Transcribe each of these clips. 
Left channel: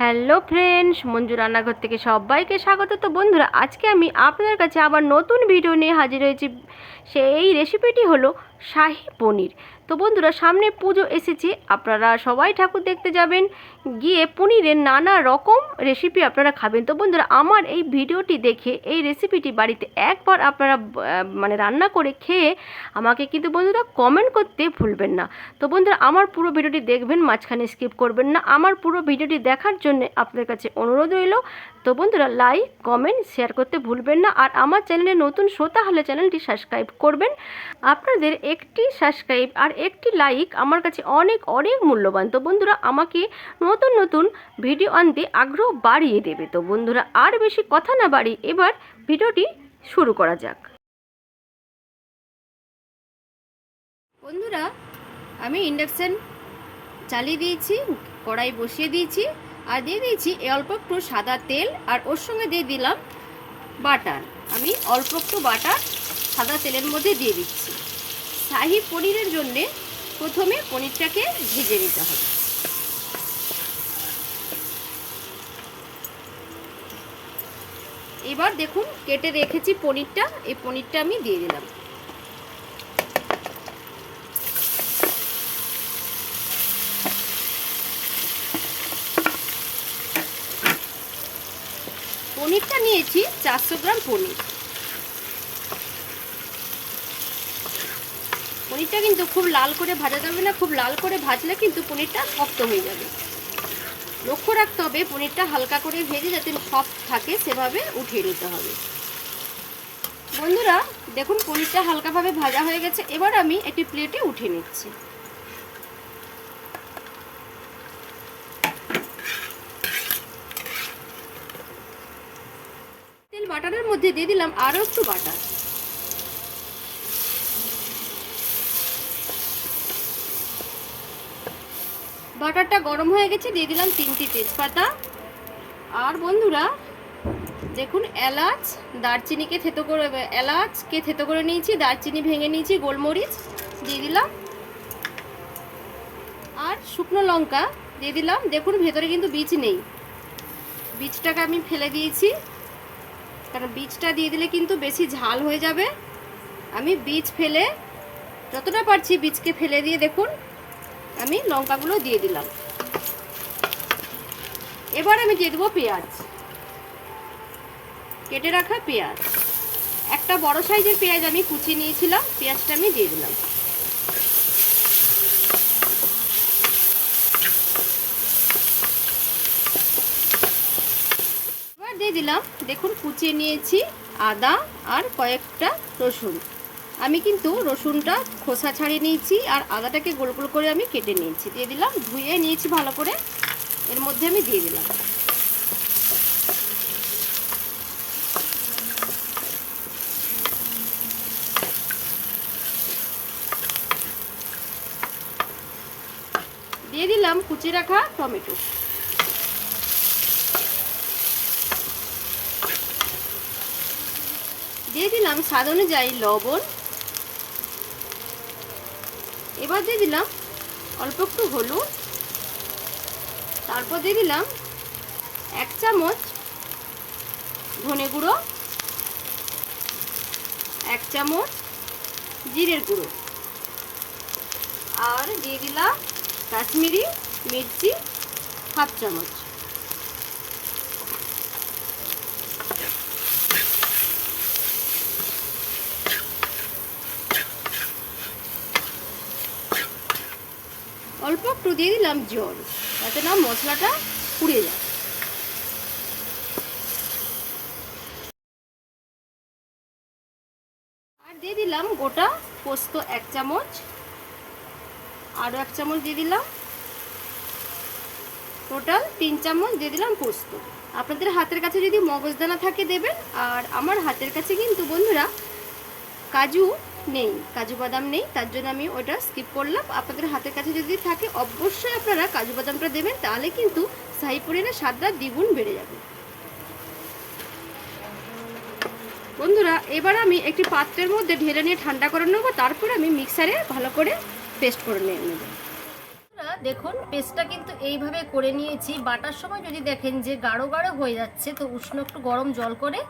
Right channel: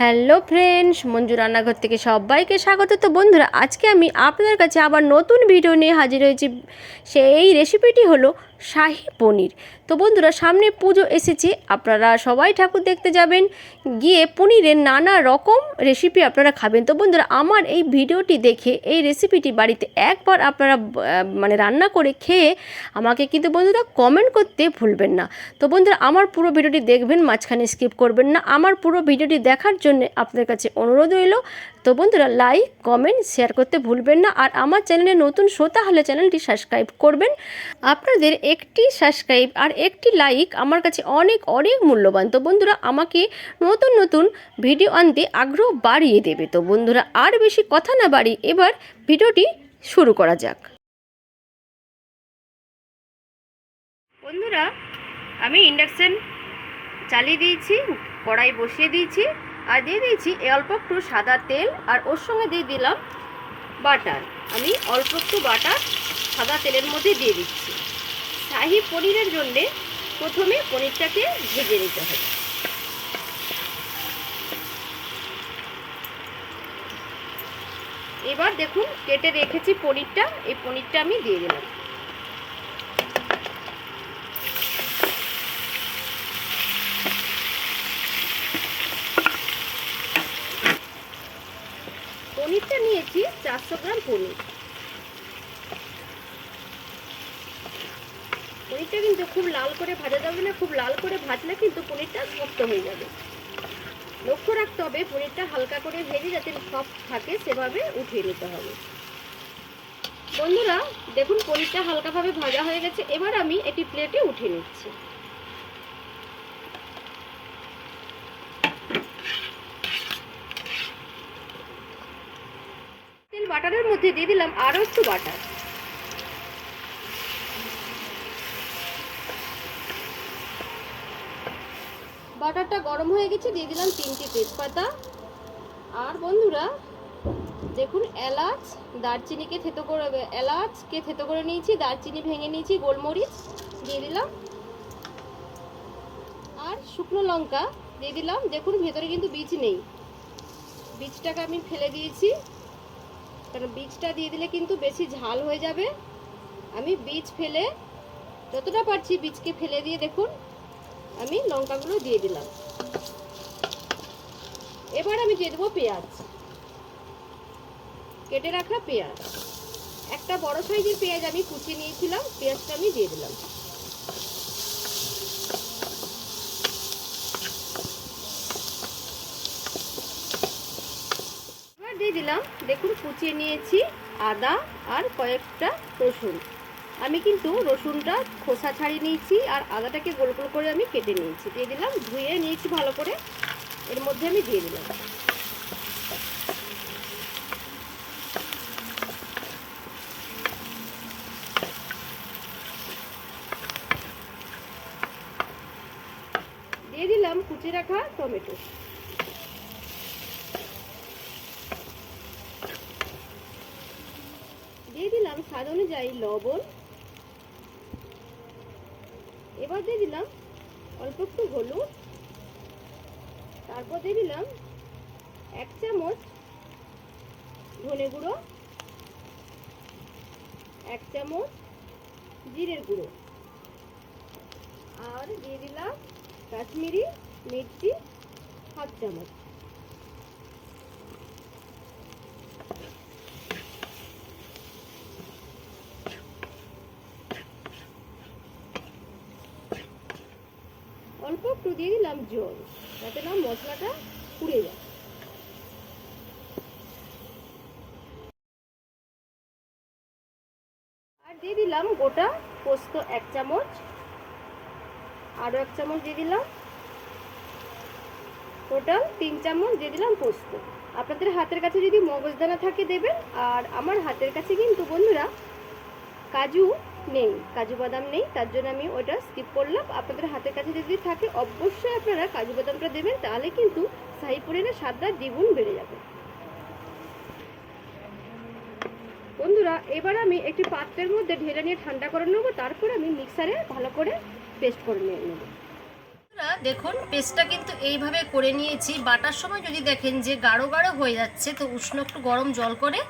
Hello friends, Manju রান্নাঘর থেকে সবাইকে স্বাগত। তো বন্ধুরা, আজকে আমি আপনাদের কাছে আবার নতুন ভিডিও নিয়ে হাজির হয়েছি। সেই রেসিপিটি হলো শাহী পনির। তো বন্ধুরা, সামনে পুজো এসেছে, আপনারা সবাই ঠাকুর দেখতে যাবেন, গিয়ে পনিরের নানা রকম রেসিপি আপনারা খাবেন। তো বন্ধুরা, আমার এই ভিডিওটি দেখে এই রেসিপিটি বাড়িতে একবার আপনারা রান্না করে খেয়ে আমাকে কিন্তু বন্ধুরা কমেন্ট করতে ভুলবেন না। তো বন্ধুরা, আমার পুরো ভিডিওটি দেখবেন, মাঝখানে স্কিপ করবেন না। আমার পুরো ভিডিওটি দেখার জন্য আপনাদের কাছে অনুরোধ রইল। তো বন্ধুরা, লাইক কমেন্ট শেয়ার করতে ভুলবেন না। আর আমার চ্যানেলে নতুন শ্রোতা হলে চ্যানেলটি সাবস্ক্রাইব করবেন। আপনাদের একটি সাবস্ক্রাইব আর একটি লাইক আমার কাছে অনেক অনেক মূল্যবান। তো বন্ধুরা, আমাকে নতুন নতুন ভিডিও আনতে আগ্রহ বাড়িয়ে দেবে। তো বন্ধুরা, আর বেশি কথা না বাড়িয়ে এবার ভিডিওটি শুরু করা যাক। বন্ধুরা, আমি ইন্ডাকশন চালিয়ে দিয়েছি, কড়াই বসিয়ে দিয়েছি, আর দিয়ে দিয়েছি অল্প একটু সাদা তেল, আর ওর সঙ্গে দিয়ে দিলাম বাটার। আমি অল্প একটু বাটার সাদা তেলের মধ্যে দিয়ে দিচ্ছি। শাহী পনিরের জন্যে প্রথমে পনিরটাকে ভেজে নিতে হবে। এবার দেখুন, কেটে রেখেছি পনিরটা, এই পনিরটা আমি দিয়ে দিলাম। পনিরটা নিয়েছি 400 গ্রাম পনির। পনিরটা কিন্তু খুব লাল করে ভাজা যাবে না, খুব লাল করে ভাজলে কিন্তু পনিরটা শক্ত হয়ে যাবে। লক্ষ্য রাখতে হবে পনিরটা হালকা করে ভেজে যাতে সফট থাকে, সেভাবে উঠিয়ে নিতে হবে। বন্ধুরা দেখুন, পনিরটা হালকাভাবে ভাজা হয়ে গেছে। এবার আমি একটি প্লেটে উঠিয়ে নিচ্ছি। তেল বাটারের মধ্যে দিয়ে দিলাম আরও একটু বাটার। বাটারটা গরম হয়ে গেছে, দিয়ে দিলাম 3টি তেজপাতা। আর বন্ধুরা দেখুন, এলাচ দারচিনিকে থেতো করে নিয়েছি, দারচিনি ভেঙে নিয়েছি, গোলমরিচ দিয়ে দিলাম, আর শুকনো লঙ্কা দিয়ে দিলাম। দেখুন, ভেতরে কিন্তু বীজ নেই, বীজটাকে আমি ফেলে দিয়েছি, কারণ বীজটা দিয়ে দিলে কিন্তু বেশি ঝাল হয়ে যাবে। আমি বীজ ফেলে যতটা পারছি বীজকে ফেলে দিয়ে দেখুন আমি লঙ্কাগুলো দিয়ে দিলাম। এবার আমি দিয়ে দেবো পেঁয়াজ, কেটে রাখা পেঁয়াজ। একটা বড় সাইজের পেঁয়াজ আমি কুচিয়ে নিয়েছিলাম, পেঁয়াজটা আমি দিয়ে দিলাম। এবার দিয়ে দিলাম, দেখুন কুচিয়ে নিয়েছি আদা আর কয়েকটা রসুন। আমি কিন্তু রসুনটা খোসা ছাড়িয়ে নিয়েছি, আর আদাটাকে গোল গোল করে আমি কেটে নিয়েছি। দিয়ে দিলাম, ধুয়ে নিয়েছি ভালো করে, এর মধ্যে আমি দিয়ে দিলাম। দিয়ে দিলাম কুচিয়ে রাখা টমেটো। দিয়ে দিলাম স্বাদ অনুযায়ী লবণ। এবার দিয়ে দিলাম অল্প একটু হলুদ। তারপর দিয়ে দিলাম 1 চামচ ধনে গুঁড়ো, 1 চামচ জিরের গুঁড়ো, আর দিয়ে দিলাম কাশ্মীরি মির্চি 1/2 চামচ। অল্প একটু দিয়ে দিলাম জল, যাতে না মশলাটা পুড়ে যায়। আর দিয়ে দিলাম গোটা পোস্ত 1 চামচ, আরও 1 চামচ দিয়ে দিলাম, টোটাল 3 চামচ দিয়ে দিলাম পোস্ত। আপনাদের হাতের কাছে যদি মগজদানা থাকে দেবেন, আর আমার হাতের কাছে কিন্তু বন্ধুরা কাজু নেই, কাজু বাদাম নেই, তার জন্য আমি ওটা স্কিপ করলাম। আপনাদের হাতের কাছে যদি থাকে অবশ্যই আপনারা কাজু বাদামটা দেবেন, তাহলে কিন্তু শাহী পনিরের স্বাদটা দ্বিগুণ বেড়ে যাবে। বন্ধুরা, এবার আমি একটি পাত্রের মধ্যে ঢেলে নিয়ে ঠান্ডা করে নেবো, তারপর আমি মিক্সারে ভালো করে পেস্ট করে নেব। দেখুন পেস্টটা কিন্তু এইভাবে করে নিয়েছি। বাটার সময় যদি দেখেন যে গাঢ় গাঢ় হয়ে যাচ্ছে, তো উষ্ণ একটু গরম জল করে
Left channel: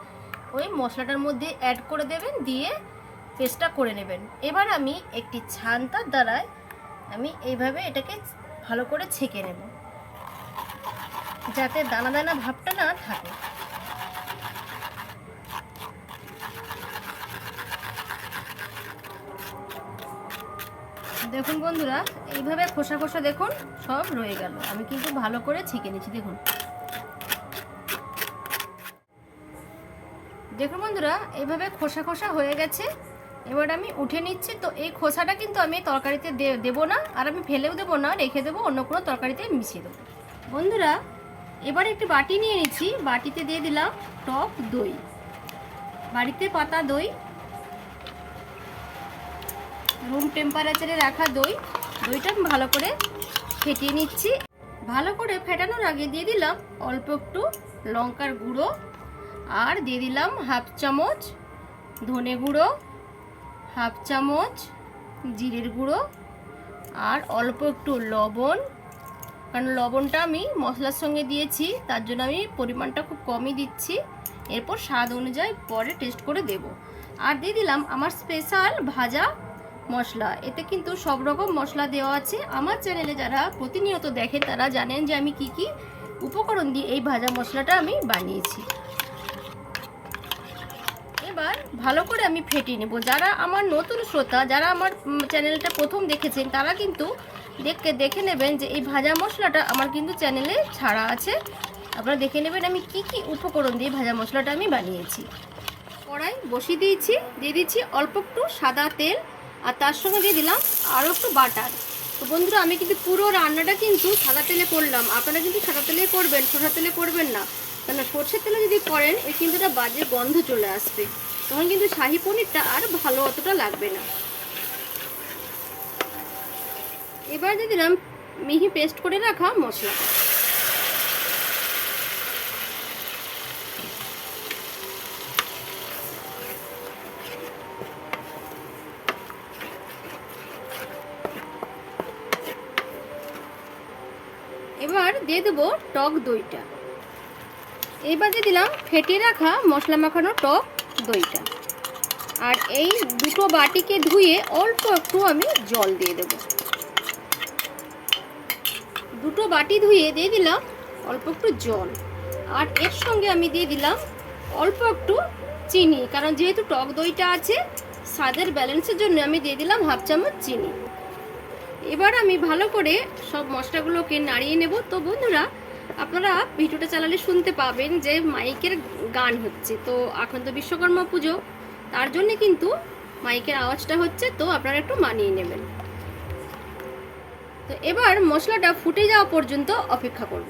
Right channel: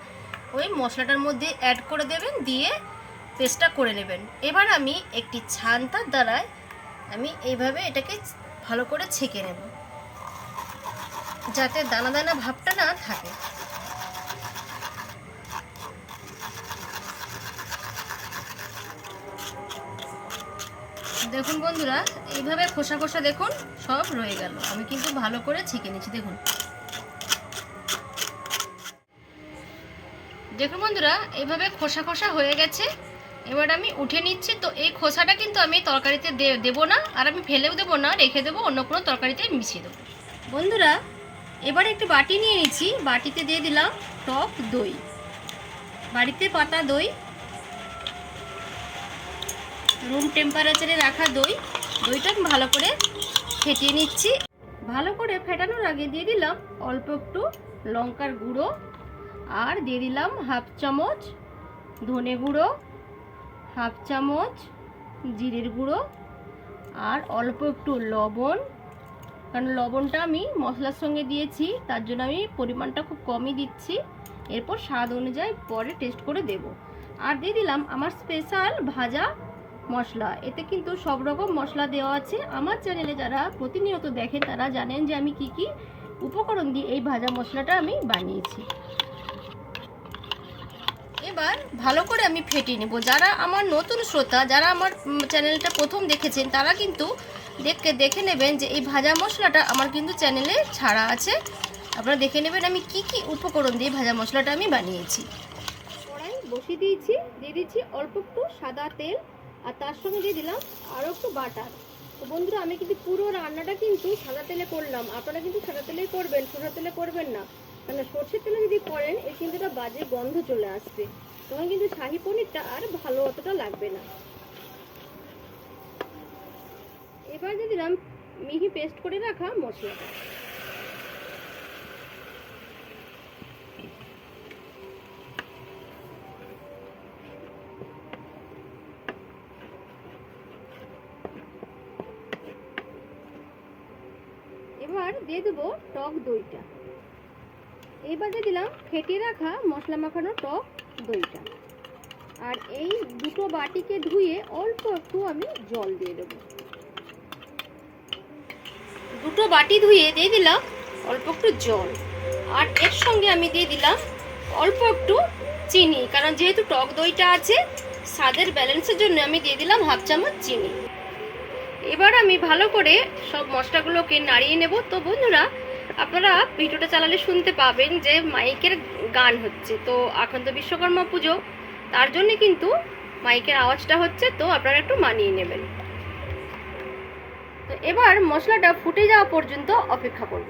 ওই মশলাটার মধ্যে অ্যাড করে দেবেন, দিয়ে পেস্টটা করে নেবেন। এবার আমি একটি ছান্তার দ্বারায় আমি এইভাবে এটাকে ভালো করে ছেঁকে নেব, যাতে দানা দানা ভাবটা না থাকে। দেখুন বন্ধুরা, এইভাবে খোসা খোসা দেখুন সব রয়ে গেল। আমি কিন্তু ভালো করে ছেঁকে নিচ্ছি। দেখুন দেখুন বন্ধুরা, এইভাবে খোসা খোসা হয়ে গেছে। এবার আমি উঠে নিচ্ছি। তো এই খোসাটা কিন্তু আমি তরকারিতে দেবো না, আর আমি ফেলেও দেবো না, রেখে দেবো, অন্য কোনো তরকারিতে মিশিয়ে দেবো। বন্ধুরা এবার একটি বাটি নিয়ে নিচ্ছি, বাটিতে দিয়ে দিলাম টক দই, বাড়িতে পাতা দই, রুম টেম্পারেচারে রাখা দই। দইটা আমি ভালো করে ফেটিয়ে নিচ্ছি। ভালো করে ফেটানোর আগে দিয়ে দিলাম অল্প একটু লঙ্কার গুঁড়ো, আর দিয়ে দিলাম হাফ চামচ ধনে গুঁড়ো, হাফ চামচ জিরের গুঁড়ো, আর অল্প একটু লবণ। কারণ লবণটা আমি মশলার সঙ্গে দিয়েছি, তার জন্য আমি পরিমাণটা খুব কমই দিচ্ছি। এরপর স্বাদ অনুযায়ী পরে টেস্ট করে দেব। আর দিয়ে দিলাম আমার স্পেশাল ভাজা মশলা। এতে কিন্তু সব রকম মশলা দেওয়া আছে। আমার চ্যানেলে যারা প্রতিনিয়ত দেখেন তারা জানেন যে আমি কি কি উপকরণ দিয়ে এই ভাজা মশলাটা আমি বানিয়েছি। এবার ভালো করে আমি ফেটিয়ে নেব। যারা আমার নতুন শ্রোতা, যারা আমার চ্যানেলটা প্রথম দেখেছেন, তারা কিন্তু দেখে নেবেন যে এই ভাজা মশলাটা আমার কিন্তু চ্যানেলে ছাড়া আছে। আপনারা দেখে নেবেন আমি কি কি উপকরণ দিয়ে ভাজা মশলাটা আমি বানিয়েছি। কড়াই বসিয়ে দিয়েছি, দিয়ে দিচ্ছি অল্প একটু সাদা তেল, আর তার সঙ্গে দিয়ে দিলাম আরও একটু বাটার। তো বন্ধুরা আমি কিন্তু পুরো রান্নাটা কিন্তু সাদা তেলে করলাম। আপনারা কিন্তু সাদা তেলে করবেন, সরষের তেলে করবেন না। তাহলে সর্ষের তেলে যদি করেন এর কিন্তু একটা বাজে গন্ধ চলে আসবে, তখন কিন্তু শাহী পনিরটা আর ভালো অতটা লাগবে না। এবার দিয়ে দিলাম মিহি পেস্ট করে রাখা মশলা। এবার দিয়ে দেবো টক দইটা। এবার দিয়ে দিলাম ফেটিয়ে রাখা মশলা মাখানো টক দইটা। আর এই দুটো বাটিকে ধুয়ে অল্প একটু আমি জল দিয়ে দেব। দুটো বাটি ধুয়ে দিয়ে দিলাম অল্প একটু জল, আর এর সঙ্গে আমি দিয়ে দিলাম অল্প একটু চিনি। কারণ যেহেতু টক দইটা আছে, স্বাদের ব্যালেন্সের জন্য আমি দিয়ে দিলাম হাফ চামচ চিনি। এবার আমি ভালো করে সব মশলাগুলোকে নাড়িয়ে নেব। তো বন্ধুরা আপনারা ভিডিওটা চালালে শুনতে পাবেন যে মাইকের গান হচ্ছে। তো এখন তো বিশ্বকর্মা পুজো, তার জন্য কিন্তু মাইকের আওয়াজটা হচ্ছে, তো আপনারা একটু মানিয়ে নেবেন। তো এবার মশলাটা ফুটে যাওয়া পর্যন্ত অপেক্ষা করব।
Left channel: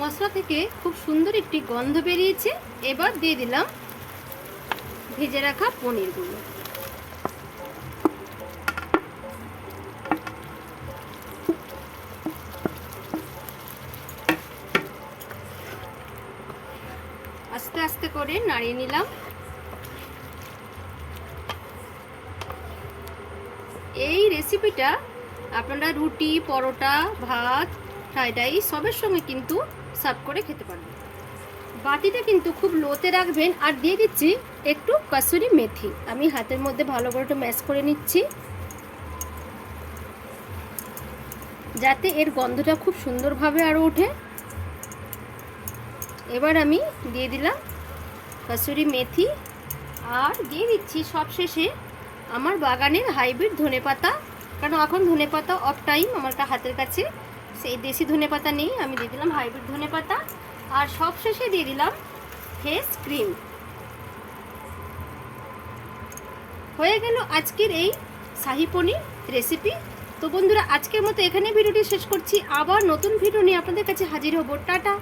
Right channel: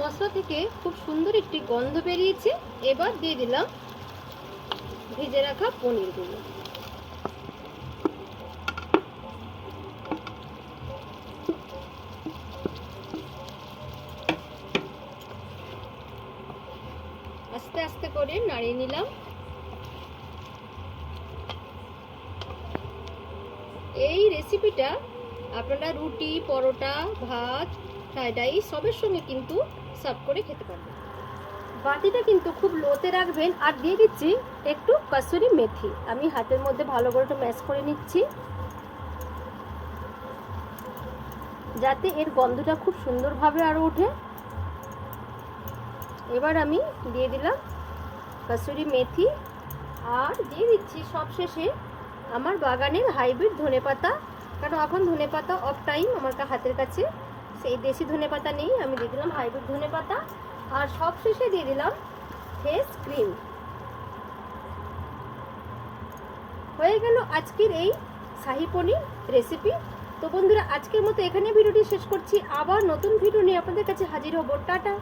মশলা থেকে খুব সুন্দর একটি গন্ধ বেরিয়েছে। এবার দিয়ে দিলাম ভিজে রাখা পনিরগুলো। আস্তে আস্তে করে নাড়িয়ে নিলাম। এই রেসিপিটা আপনারা রুটি, পরোটা, ভাত, ফ্রাইড রাইস সবের সঙ্গে কিন্তু সার্ভ করে খেতে পারবেন। বাটিটা কিন্তু খুব লোতে রাখবেন। আর দিয়ে দিচ্ছি একটু কসুরি মেথি। আমি হাতের মধ্যে ভালো করে একটু ম্যাশ করে নিচ্ছি, যাতে এর গন্ধটা খুব সুন্দরভাবে আরও ওঠে। এবার আমি দিয়ে দিলাম কসুরি মেথি, আর দিয়ে দিচ্ছি সবশেষে আমার বাগানের হাইব্রিড ধনেপাতা। কারণ এখন ধনেপাতা অফ টাইম আমার হাতের কাছে, সেই দেশি ধনেপাতা নেই, আমি দিয়ে দিলাম হাইব্রিড ধনেপাতা। আর সবশেষে দিয়ে দিলাম ফ্রেশ ক্রিম। হয়ে গেল আজকের এই শাহী পনির রেসিপি। তো বন্ধুরা আজকের মতো এখানে ভিডিওটি শেষ করছি। আবার নতুন ভিডিও নিয়ে আপনাদের কাছে হাজির হব। টাটা।